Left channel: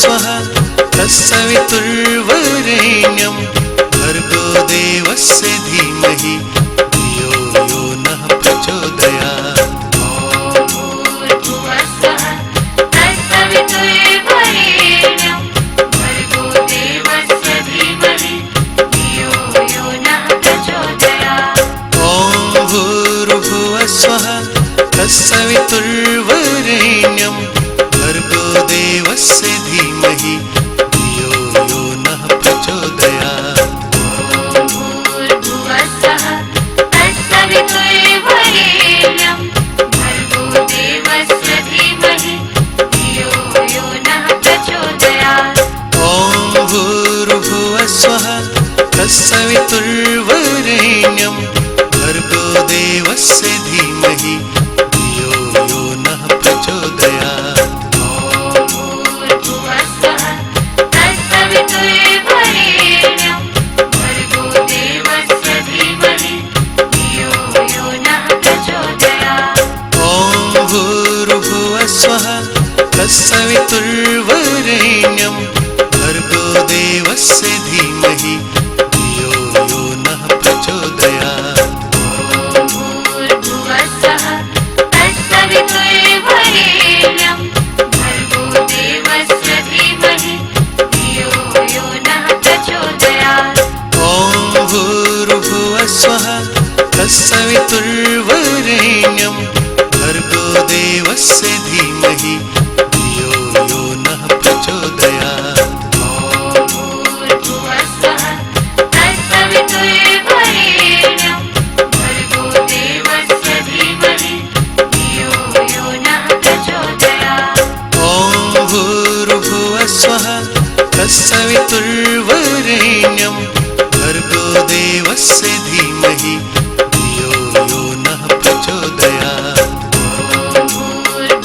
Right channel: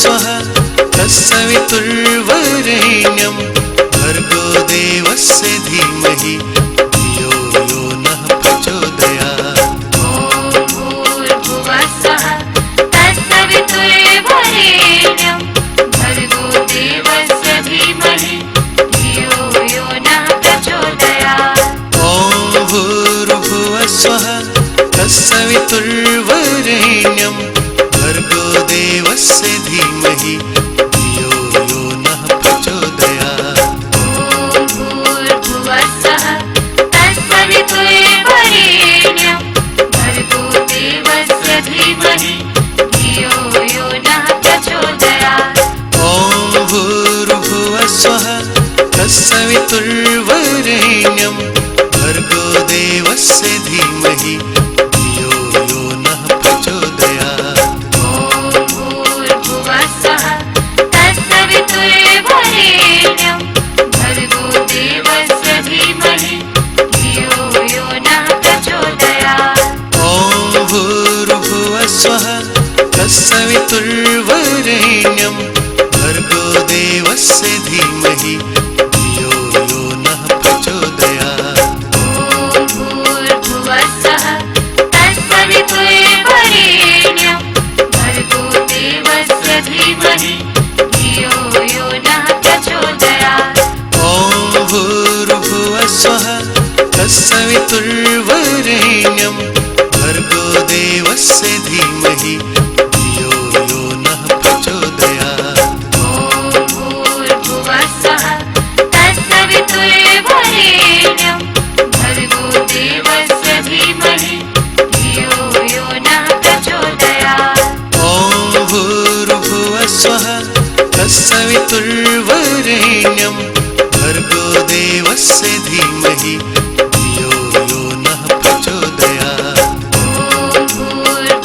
स्वः तत्सवितुर्वरेण्यं भर्गो देवस्य धीमहि धियो यो नः प्रचोदयात्। स्वः तत्सवितुर्वरेण्यं भर्गो देवस्य धीमहि धियो यो नः प्रचोदयात्। ॐ भूर्भुवः स्वः तत्सवितुर्वरेण्यं भर्गो देवस्य धीमहि धियो यो नः प्रचोदयात्। ॐ भूर्भुवः स्वः तत्सवितुर्वरेण्यं भर्गो देवस्य धीमहि धियो यो नः प्रचोदयात्। स्वः तत्सवितुर्वरेण्यं भर्गो देवस्य धीमहि धियो यो नः प्रचोदयात्। ॐ भूर्भुवः स्वः तत्सवितुर्वरेण्यं भर्गो देवस्य धीमहि धियो यो नः प्रचोदयात्। ॐ भूर्भुवः स्वः तत्सवितुर्वरेण्यं भर्गो देवस्य धीमहि धियो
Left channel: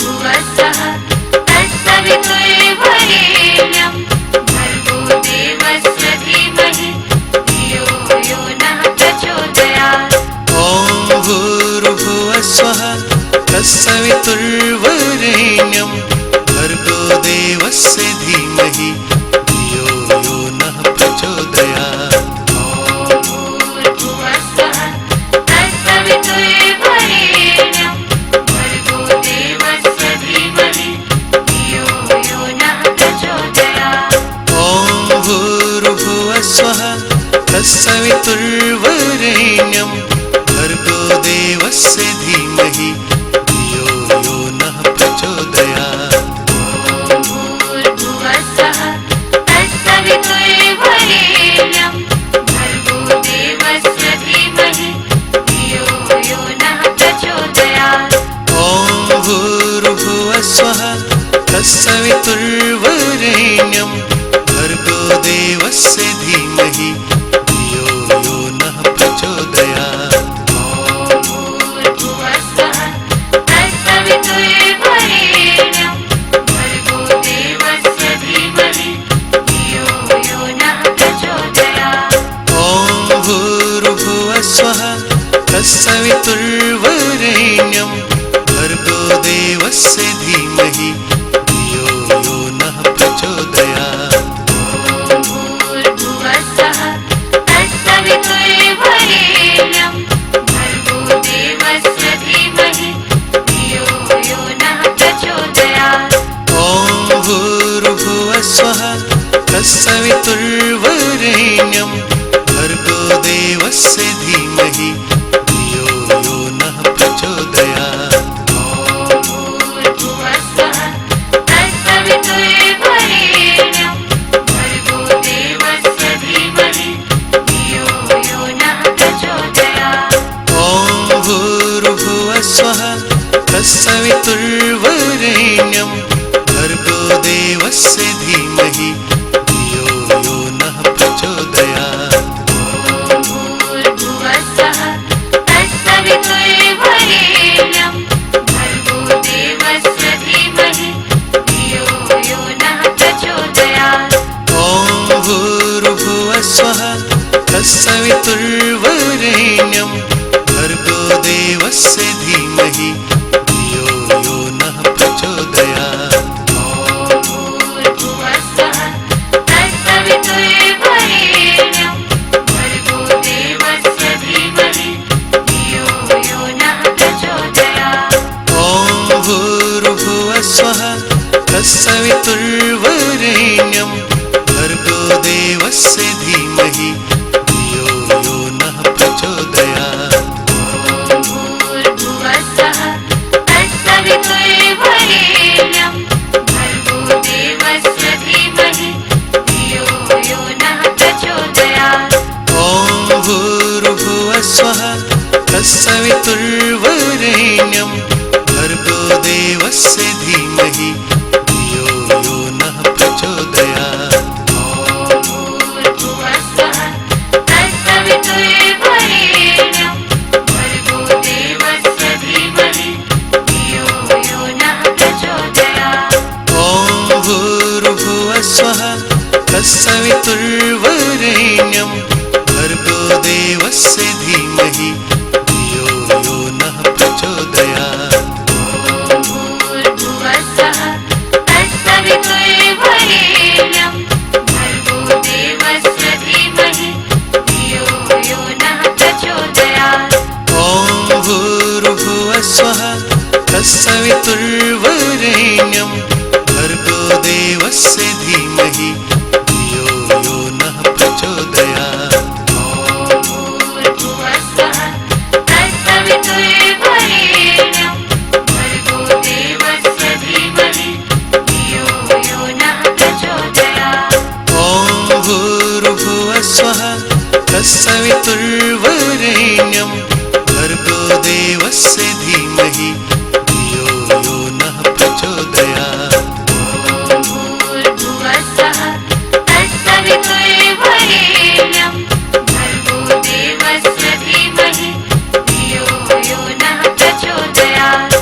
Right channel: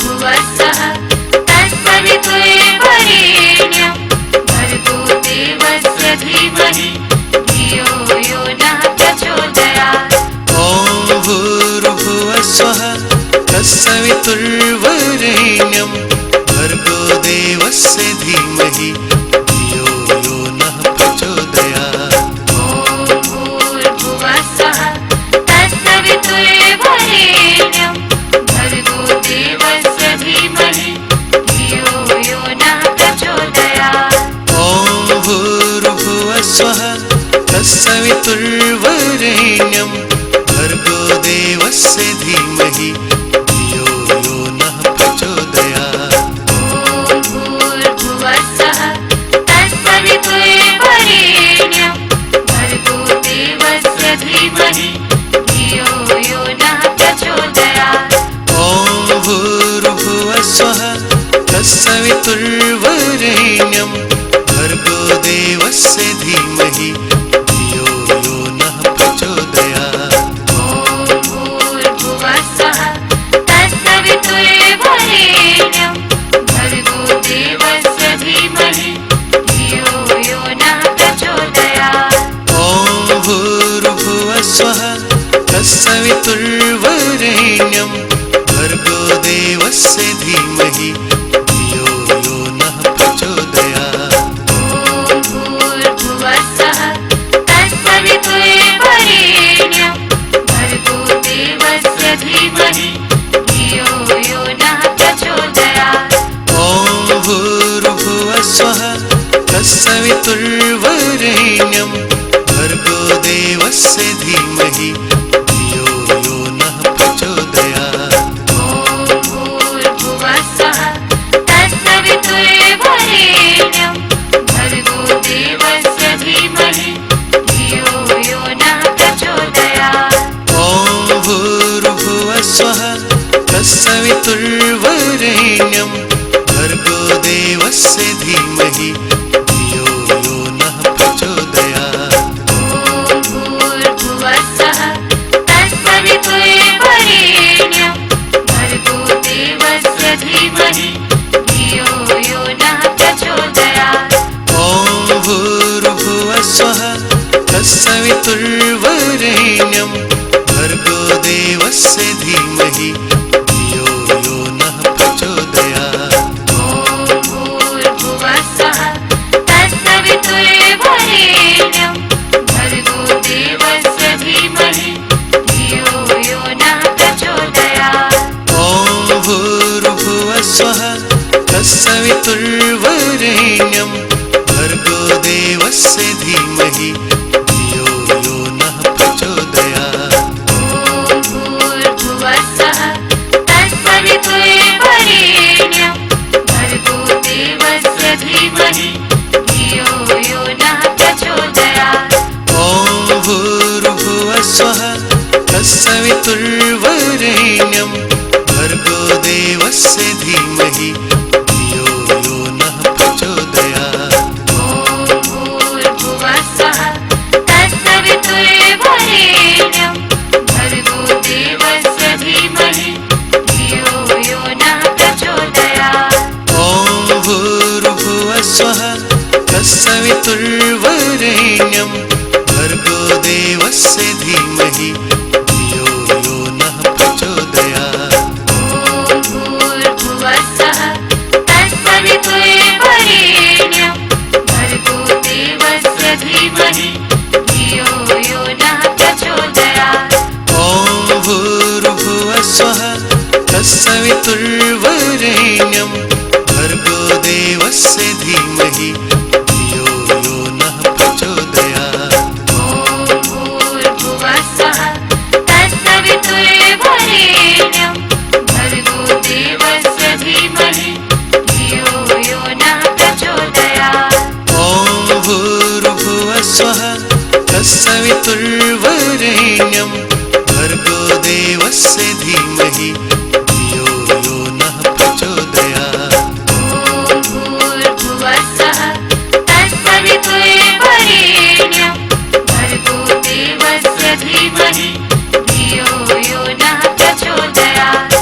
यो नः प्रचोदयात्। स्वः तत्सवितुर्वरेण्यं भर्गो देवस्य धीमहि धियो यो नः प्रचोदयात्। ॐ भूर्भुवः स्वः तत्सवितुर्वरेण्यं भर्गो देवस्य धीमहि धियो यो नः प्रचोदयात्। ॐ भूर्भुवः स्वः तत्सवितुर्वरेण्यं भर्गो देवस्य धीमहि धियो यो नः प्रचोदयात्। स्वः तत्सवितुर्वरेण्यं भर्गो देवस्य धीमहि धियो यो नः प्रचोदयात्। ॐ भूर्भुवः स्वः तत्सवितुर्वरेण्यं भर्गो देवस्य धीमहि धियो यो नः प्रचोदयात्। ॐ भूर्भुवः स्वः तत्सवितुर्वरेण्यं भर्गो देवस्य धीमहि धियो यो नः प्रचोदयात्। तत्सवितुर्वरेण्यं भर्गो देवस्य धीमहि धियो यो नः प्रचोदयात्। भूर्भुवस्सुवः तत्सवितुर्वरेण्यं भर्गो देवस्य धीमहि धियो यो नः प्रचोदयात्। ॐ भूर्भुवः स्वः तत्सवितुर्वरेण्यं भर्गो देवस्य धीमहि धियो यो नः प्रचोदयात्। भूर्भुवस्सुवः तत्सवितुर्वरेण्यं भर्गो देवस्य धीमहि धियो यो नः प्रचोदयात्। ॐ भूर्भुवः स्वः तत्सवितुर्वरेण्यं भर्गो देवस्य धीमहि धियो यो नः प्रचोदयात्। भूर्भुवस्सुवः तत्सवितुर्वरेण्यं भर्गो देवस्य धीमहि धियो यो नः प्रचोदयात्। ॐ भूर्भुवः स्वः तत्सवितुर्वरेण्यं भर्गो देवस्य धीमहि धियो यो नः प्रचोदयात्। भूर्भुवस्सुवः तत्सवितुर्वरेण्यं भर्गो देवस्य धीमहि धियो यो नः प्रचोदयात्। ॐ भूर्भुवः स्वः तत्सवितुर्वरेण्यं भर्गो देवस्य धीमहि धियो यो नः प्रचोदयात्। भूर्भुवस्सुवः तत्सवितुर्वरेण्यं भर्गो देवस्य धीमहि धियो यो नः प्रचोदयात्।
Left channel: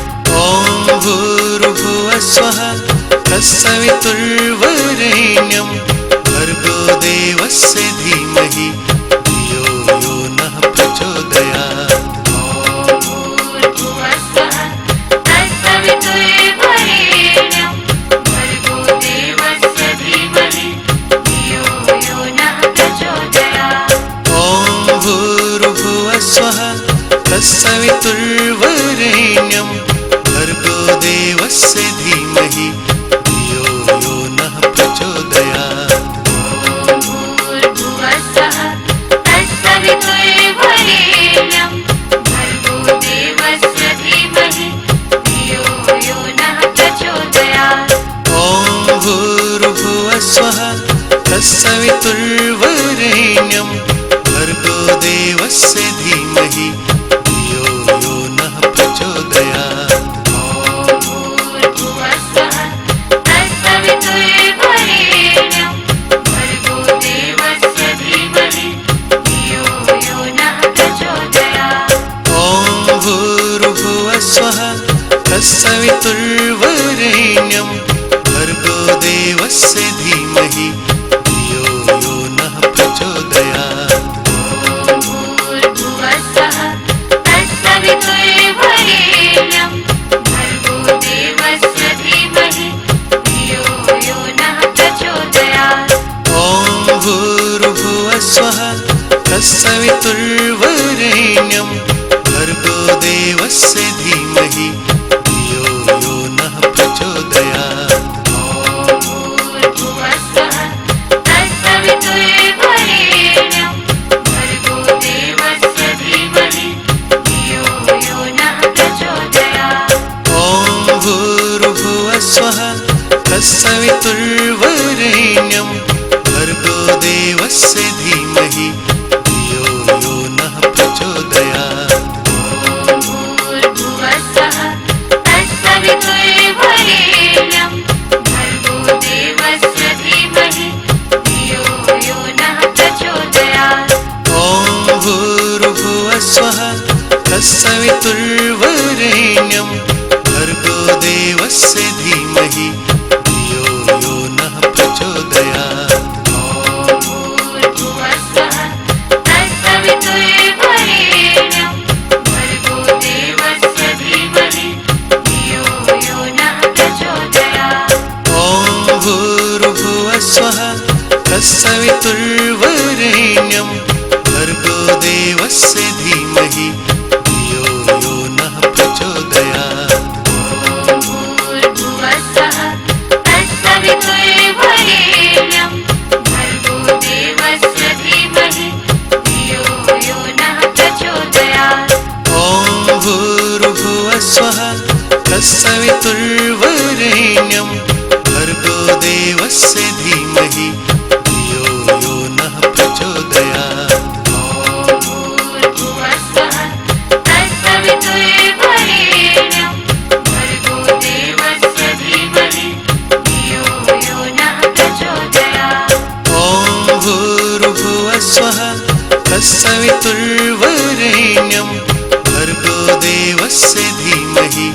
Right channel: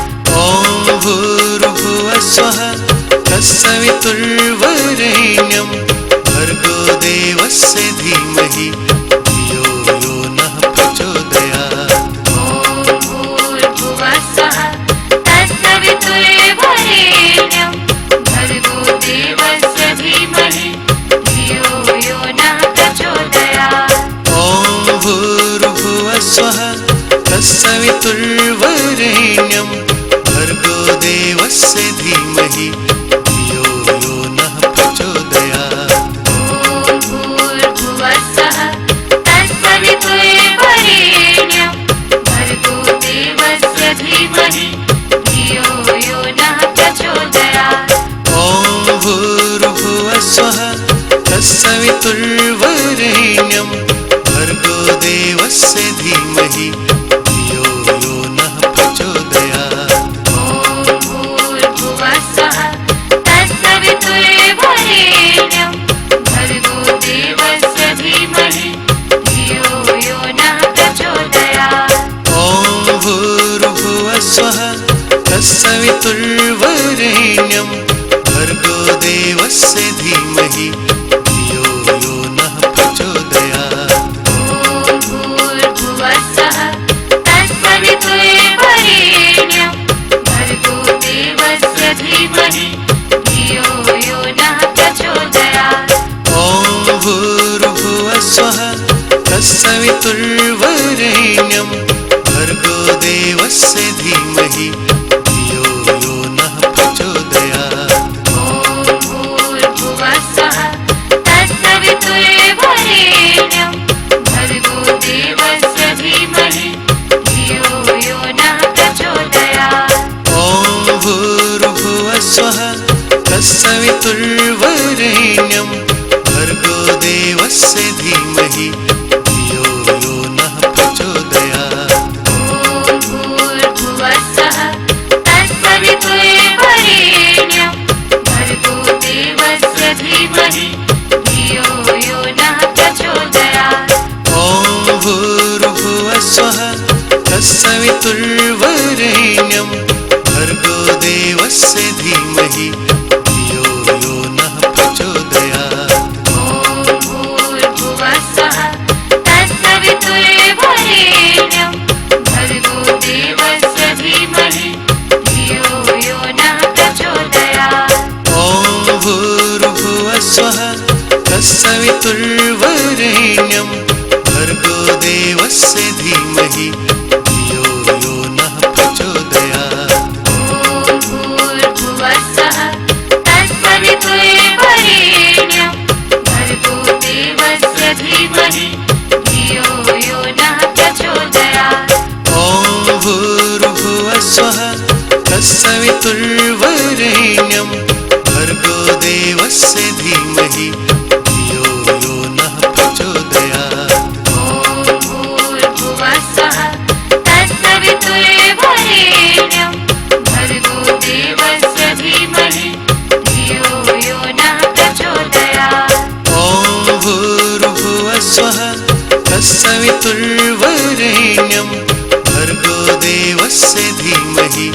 ॐ भूर्भुवः स्वः तत्सवितुर्वरेण्यं भर्गो देवस्य धीमहि धियो यो नः प्रचोदयात्। भूर्भुवस्सुवः तत्सवितुर्वरेण्यं भर्गो देवस्य धीमहि धियो यो नः प्रचोदयात्। ॐ भूर्भुवः स्वः तत्सवितुर्वरेण्यं भर्गो देवस्य धीमहि धियो यो नः प्रचोदयात्। भूर्भुवस्सुवः तत्सवितुर्वरेण्यं भर्गो देवस्य धीमहि धियो यो नः प्रचोदयात्। ॐ भूर्भुवः स्वः तत्सवितुर्वरेण्यं भर्गो देवस्य धीमहि धियो यो नः प्रचोदयात्। भूर्भुवस्सुवः तत्सवितुर्वरेण्यं भर्गो देवस्य धीमहि धियो यो नः प्रचोदयात्। ॐ भूर्भुवः स्वः तत्सवितुर्वरेण्यं भर्गो देवस्य धीमहि धियो यो नः प्रचोदयात्। भूर्भुवस्सुवः तत्सवितुर्वरेण्यं भर्गो देवस्य धीमहि धियो यो नः प्रचोदयात्। ॐ भूर्भुवः स्वः तत्सवितुर्वरेण्यं भर्गो देवस्य धीमहि धियो यो नः प्रचोदयात्। भूर्भुवस्सुवः तत्सवितुर्वरेण्यं भर्गो देवस्य धीमहि धियो यो नः प्रचोदयात्। ॐ भूर्भुवः स्वः तत्सवितुर्वरेण्यं भर्गो देवस्य धीमहि धियो यो नः प्रचोदयात्। भूर्भुवस्सुवः तत्सवितुर्वरेण्यं भर्गो देवस्य धीमहि धियो यो नः प्रचोदयात्। ॐ भूर्भुवः स्वः तत्सवितुर्वरेण्यं भर्गो देवस्य धीमहि धियो यो नः प्रचोदयात्। भूर्भुवस्सुवः तत्सवितुर्वरेण्यं भर्गो देवस्य धीमहि धियो यो नः प्रचोदयात्। ॐ भूर्भुवः स्वः तत्सवितुर्वरेण्यं भर्गो देवस्य धीमहि धियो यो नः प्रचोदयात्। भूर्भुवस्सुवः तत्सवितुर्वरेण्यं भर्गो देवस्य धीमहि धियो यो नः प्रचोदयात्। भूर्भुवः स्वः तत्सवितुर्वरेण्यं भर्गो देवस्य धीमहि धियो यो नः प्रचोदयात्। ॐ भूर्भुवः स्वः तत्सवितुर्वरेण्यं भर्गो देवस्य धीमहि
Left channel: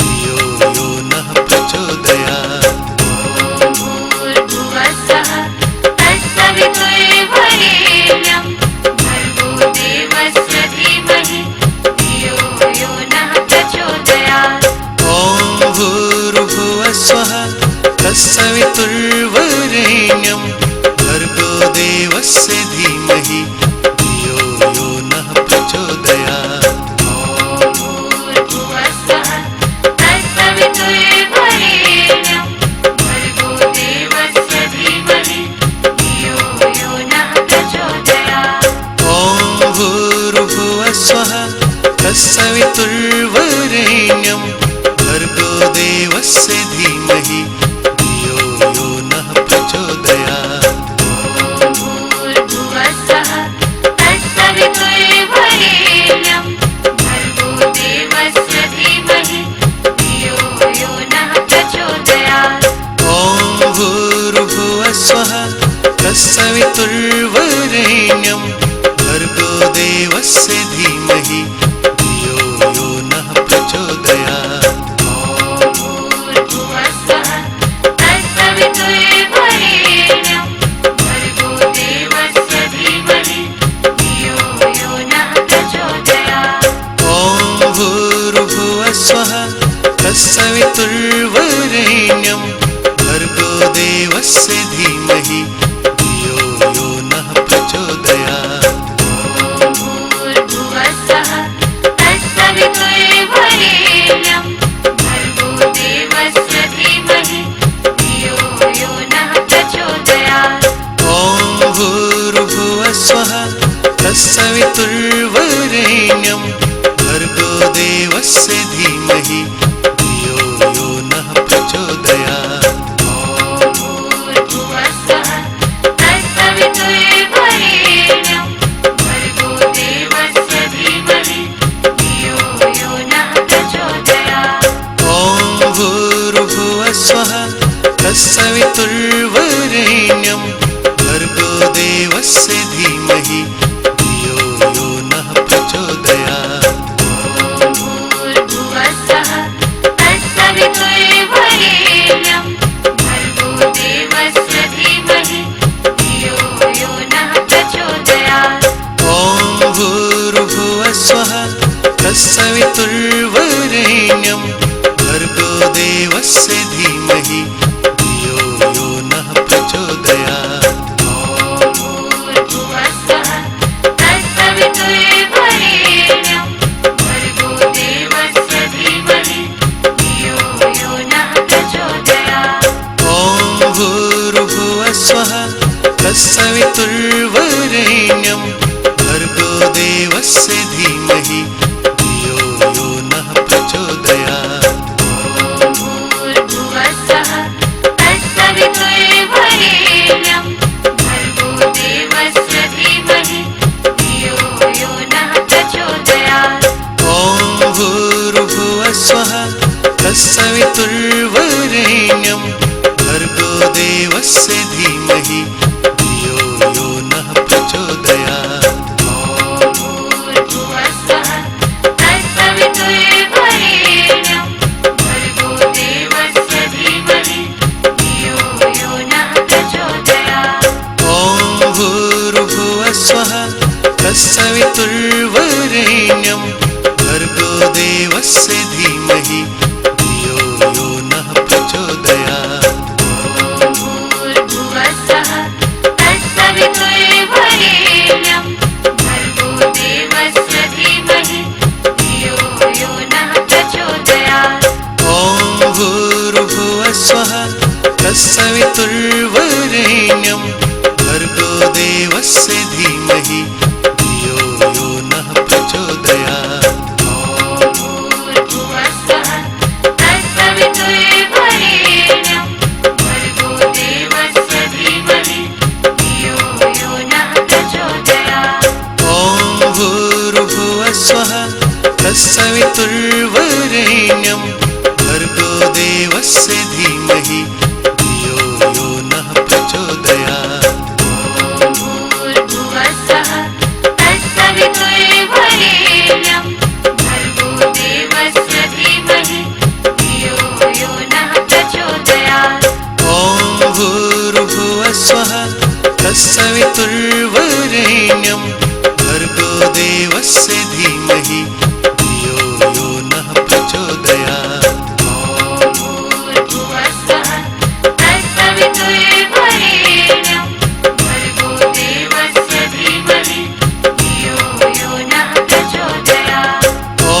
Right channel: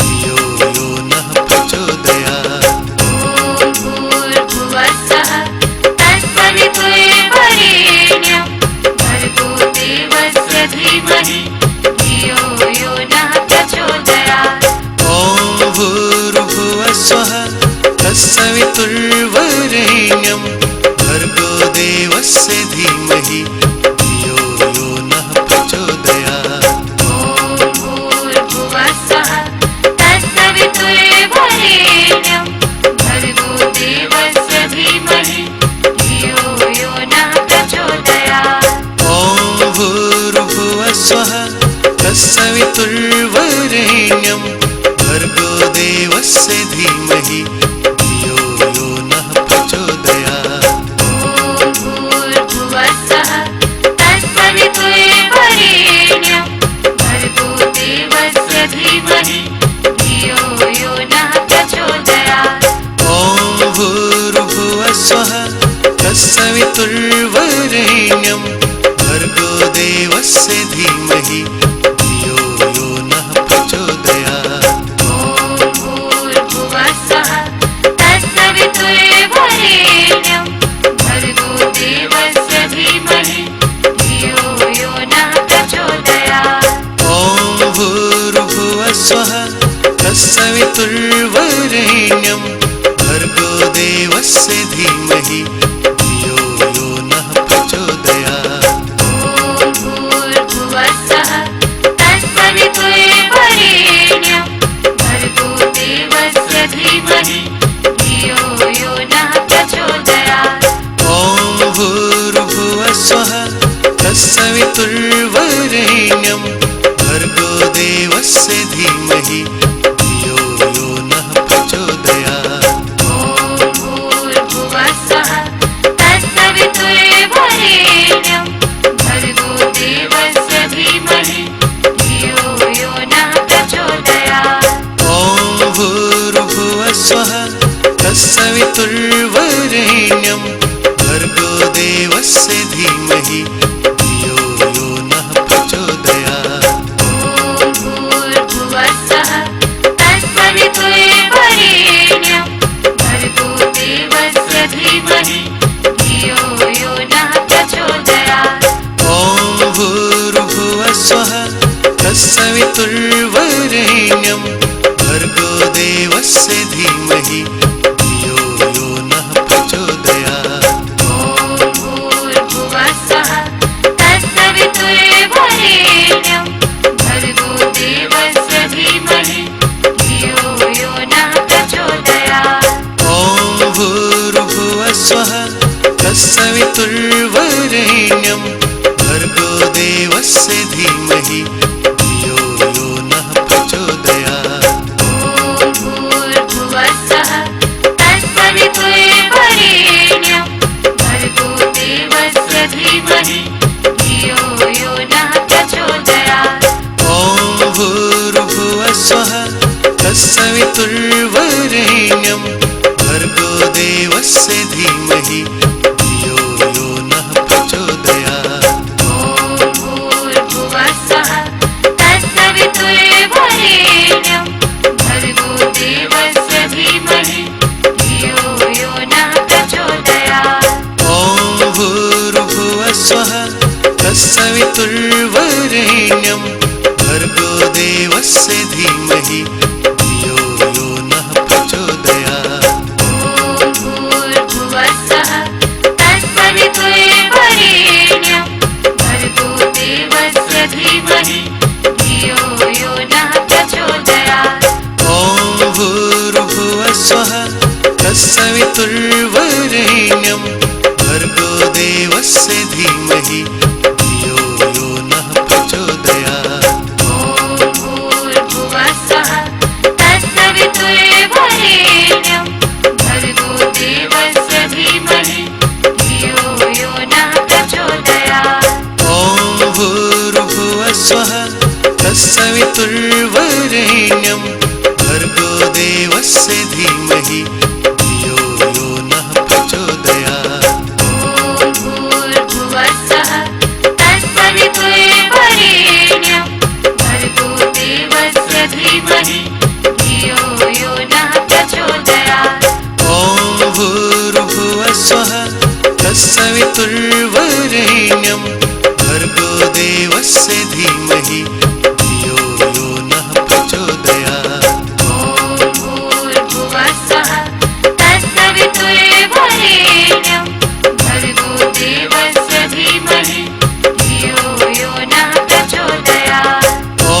धियो यो नः प्रचोदयात्। भूर्भुवः स्वः तत्सवितुर्वरेण्यं भर्गो देवस्य धीमहि धियो यो नः प्रचोदयात्। ॐ भूर्भुवः स्वः तत्सवितुर्वरेण्यं भर्गो देवस्य धीमहि धियो यो नः प्रचोदयात्। भूर्भुवः स्वः तत्सवितुर्वरेण्यं भर्गो देवस्य धीमहि धियो यो नः प्रचोदयात्। ॐ भूर्भुवः स्वः तत्सवितुर्वरेण्यं भर्गो देवस्य धीमहि धियो यो नः प्रचोदयात्। भूर्भुवः स्वः तत्सवितुर्वरेण्यं भर्गो देवस्य धीमहि धियो यो नः प्रचोदयात्। ॐ भूर्भुवः स्वः तत्सवितुर्वरेण्यं भर्गो देवस्य धीमहि धियो यो नः प्रचोदयात्। भूर्भुवः स्वः तत्सवितुर्वरेण्यं भर्गो देवस्य धीमहि धियो यो नः प्रचोदयात्। ॐ भूर्भुवः स्वः तत्सवितुर्वरेण्यं भर्गो देवस्य धीमहि धियो यो नः प्रचोदयात्। भूर्भुवः स्वः तत्सवितुर्वरेण्यं भर्गो देवस्य धीमहि धियो यो नः प्रचोदयात्। ॐ भूर्भुवः स्वः तत्सवितुर्वरेण्यं भर्गो देवस्य धीमहि धियो यो नः प्रचोदयात्। भूर्भुवः स्वः तत्सवितुर्वरेण्यं भर्गो देवस्य धीमहि धियो यो नः प्रचोदयात्। ॐ भूर्भुवः स्वः तत्सवितुर्वरेण्यं भर्गो देवस्य धीमहि धियो यो नः प्रचोदयात्। भूर्भुवः स्वः तत्सवितुर्वरेण्यं भर्गो देवस्य धीमहि धियो यो नः प्रचोदयात्। ॐ भूर्भुवः स्वः तत्सवितुर्वरेण्यं भर्गो देवस्य धीमहि धियो यो नः प्रचोदयात्। भूर्भुवः स्वः तत्सवितुर्वरेण्यं भर्गो देवस्य धीमहि धियो यो नः प्रचोदयात्। ॐ भूर्भुवः स्वः तत्सवितुर्वरेण्यं भर्गो देवस्य धीमहि धियो यो नः प्रचोदयात्। भूर्भुवः स्वः तत्सवितुर्वरेण्यं भर्गो देवस्य धीमहि धियो यो नः प्रचोदयात्। ॐ भूर्भुवः स्वः तत्सवितुर्वरेण्यं भर्गो देवस्य धीमहि धियो यो नः प्रचोदयात्। भूर्भुवः स्वः तत्सवितुर्वरेण्यं भर्गो देवस्य धीमहि धियो यो नः प्रचोदयात्। ॐ भूर्भुवः स्वः तत्सवितुर्वरेण्यं भर्गो देवस्य धीमहि धियो यो नः प्रचोदयात्। भूर्भुवः स्वः तत्सवितुर्वरेण्यं भर्गो देवस्य धीमहि धियो यो नः प्रचोदयात्। ॐ भूर्भुवः स्वः तत्सवितुर्वरेण्यं भर्गो देवस्य धीमहि धियो यो नः प्रचोदयात्। भूर्भुवः स्वः तत्सवितुर्वरेण्यं भर्गो देवस्य धीमहि धियो यो नः प्रचोदयात्। भूर्भुवस्सुवः तत्सवितुर्वरेण्यं भर्गो देवस्य धीमहि धियो यो नः प्रचोदयात्। ॐ भूर्भुवः स्वः तत्सवितुर्वरेण्यं भर्गो देवस्य धीमहि धियो यो नः प्रचोदयात्। भूर्भुवस्सुवः तत्सवितुर्वरेण्यं भर्गो देवस्य धीमहि धियो यो नः प्रचोदयात्। ॐ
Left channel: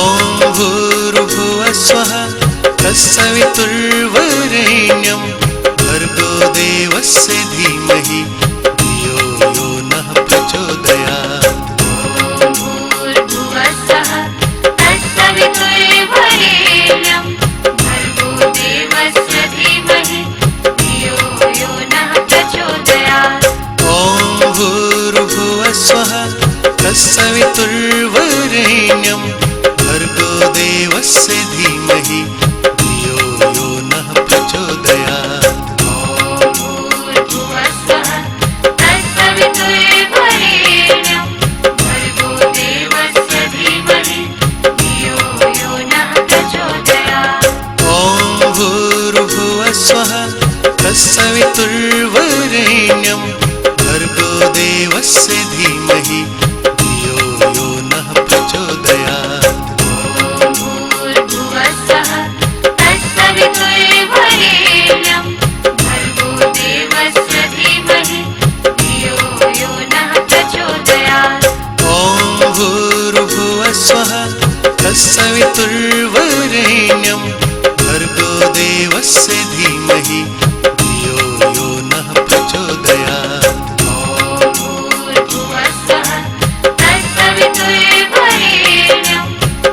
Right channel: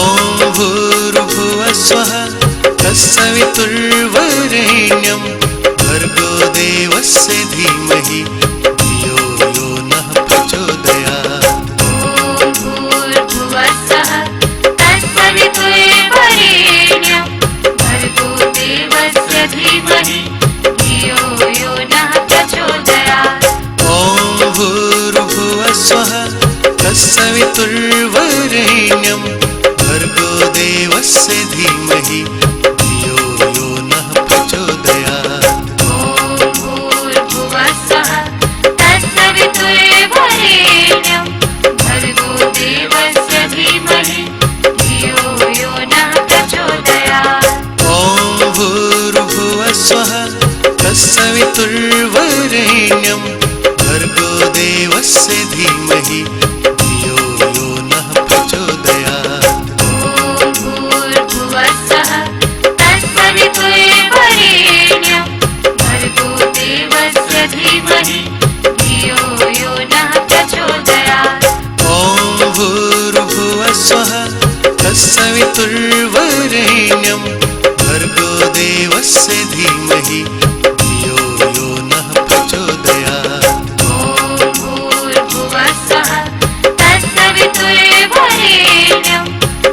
भूर्भुवः स्वः तत्सवितुर्वरेण्यं भर्गो देवस्य धीमहि धियो यो नः प्रचोदयात्। भूर्भुवस्सुवः तत्सवितुर्वरेण्यं भर्गो देवस्य धीमहि धियो यो नः प्रचोदयात्। ॐ भूर्भुवः स्वः तत्सवितुर्वरेण्यं भर्गो देवस्य धीमहि धियो यो नः प्रचोदयात्। भूर्भुवस्सुवः तत्सवितुर्वरेण्यं भर्गो देवस्य धीमहि धियो यो नः प्रचोदयात्। ॐ भूर्भुवः स्वः तत्सवितुर्वरेण्यं भर्गो देवस्य धीमहि धियो यो नः प्रचोदयात्। भूर्भुवस्सुवः तत्सवितुर्वरेण्यं भर्गो देवस्य धीमहि धियो यो नः प्रचोदयात्। ॐ भूर्भुवः स्वः तत्सवितुर्वरेण्यं भर्गो देवस्य धीमहि धियो यो नः प्रचोदयात्। भूर्भुवस्सुवः तत्सवितुर्वरेण्यं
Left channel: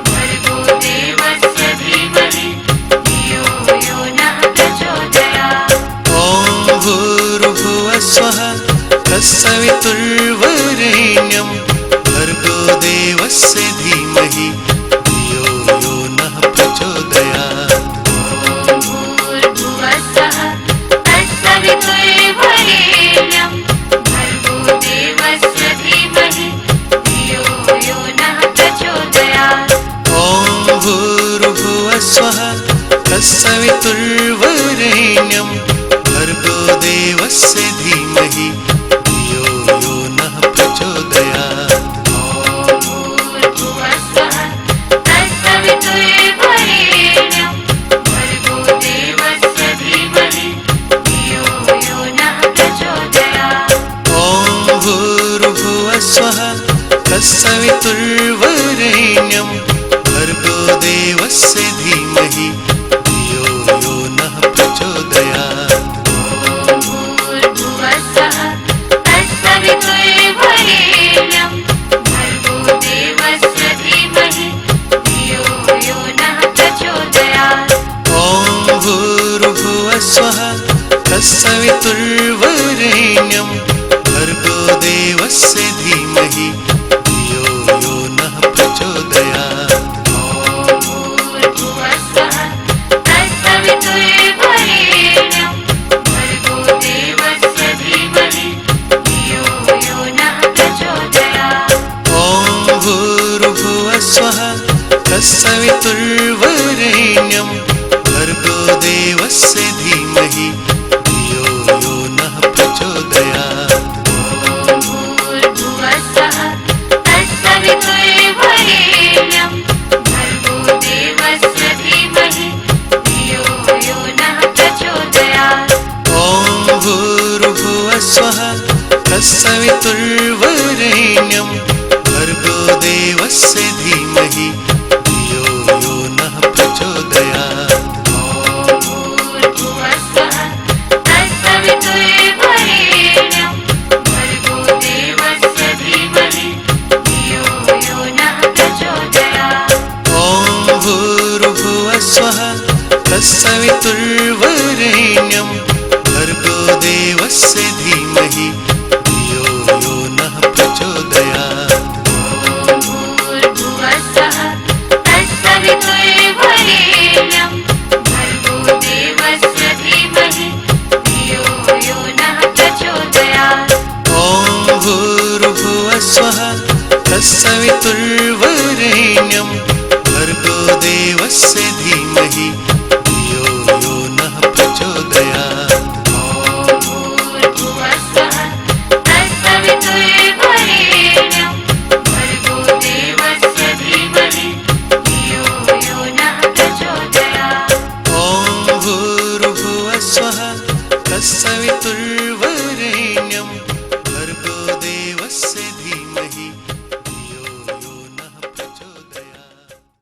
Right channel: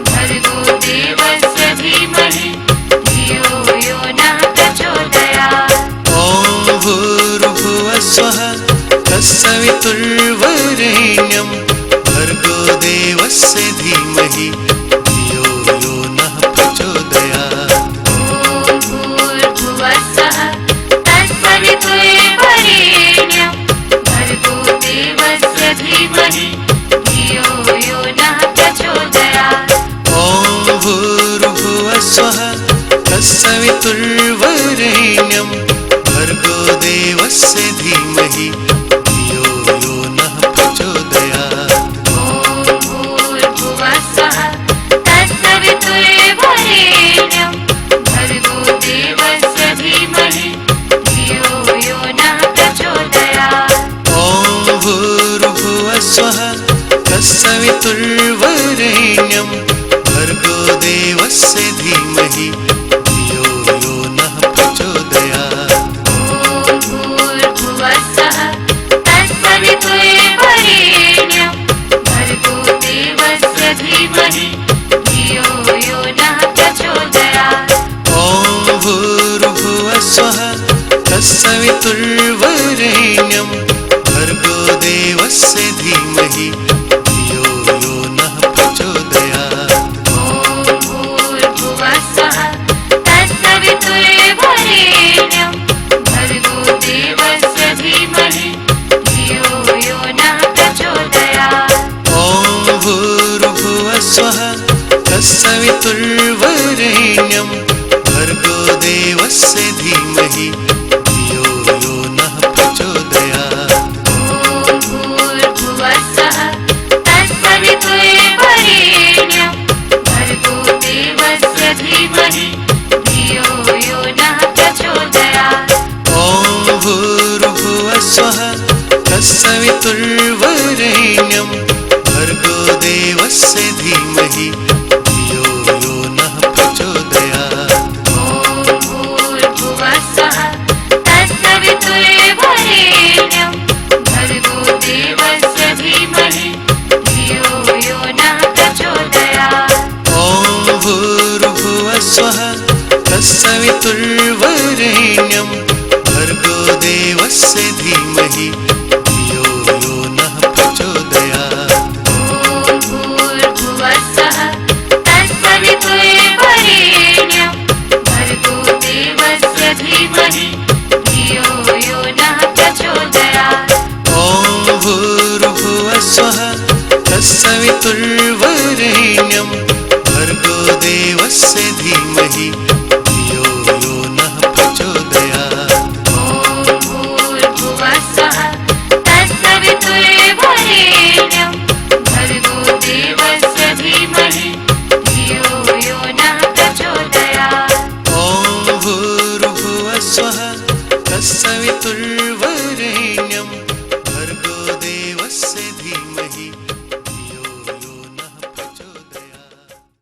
भर्गो देवस्य धीमहि धियो यो नः प्रचोदयात्। ॐ भूर्भुवः स्वः तत्सवितुर्वरेण्यं भर्गो देवस्य धीमहि धियो यो नः प्रचोदयात्। भूर्भुवस्सुवः तत्सवितुर्वरेण्यं भर्गो देवस्य धीमहि धियो यो नः प्रचोदयात्। ॐ भूर्भुवः स्वः तत्सवितुर्वरेण्यं भर्गो देवस्य धीमहि धियो यो नः प्रचोदयात्। भूर्भुवस्सुवः तत्सवितुर्वरेण्यं भर्गो देवस्य धीमहि धियो यो नः प्रचोदयात्। ॐ भूर्भुवः स्वः तत्सवितुर्वरेण्यं भर्गो देवस्य धीमहि धियो यो नः प्रचोदयात्। भूर्भुवस्सुवः तत्सवितुर्वरेण्यं भर्गो देवस्य धीमहि धियो यो नः प्रचोदयात्। ॐ भूर्भुवः स्वः तत्सवितुर्वरेण्यं भर्गो देवस्य धीमहि धियो यो नः प्रचोदयात्। भूर्भुवस्सुवः तत्सवितुर्वरेण्यं भर्गो देवस्य धीमहि धियो यो नः प्रचोदयात्। ॐ भूर्भुवः स्वः तत्सवितुर्वरेण्यं भर्गो देवस्य धीमहि धियो यो नः प्रचोदयात्। भूर्भुवस्सुवः तत्सवितुर्वरेण्यं भर्गो देवस्य धीमहि धियो यो नः प्रचोदयात्। ॐ भूर्भुवः स्वः तत्सवितुर्वरेण्यं भर्गो देवस्य धीमहि धियो यो नः प्रचोदयात्। भूर्भुवस्सुवः तत्सवितुर्वरेण्यं भर्गो देवस्य धीमहि धियो यो नः प्रचोदयात्। ॐ भूर्भुवः स्वः तत्सवितुर्वरेण्यं भर्गो देवस्य धीमहि धियो यो नः प्रचोदयात्। भूर्भुवस्सुवः तत्सवितुर्वरेण्यं भर्गो देवस्य धीमहि धियो यो नः प्रचोदयात्। ॐ भूर्भुवः स्वः तत्सवितुर्वरेण्यं भर्गो देवस्य धीमहि धियो यो नः प्रचोदयात्। ॐ भूर्भुवः स्वः तत्सवितुर्वरेण्यं भर्गो देवस्य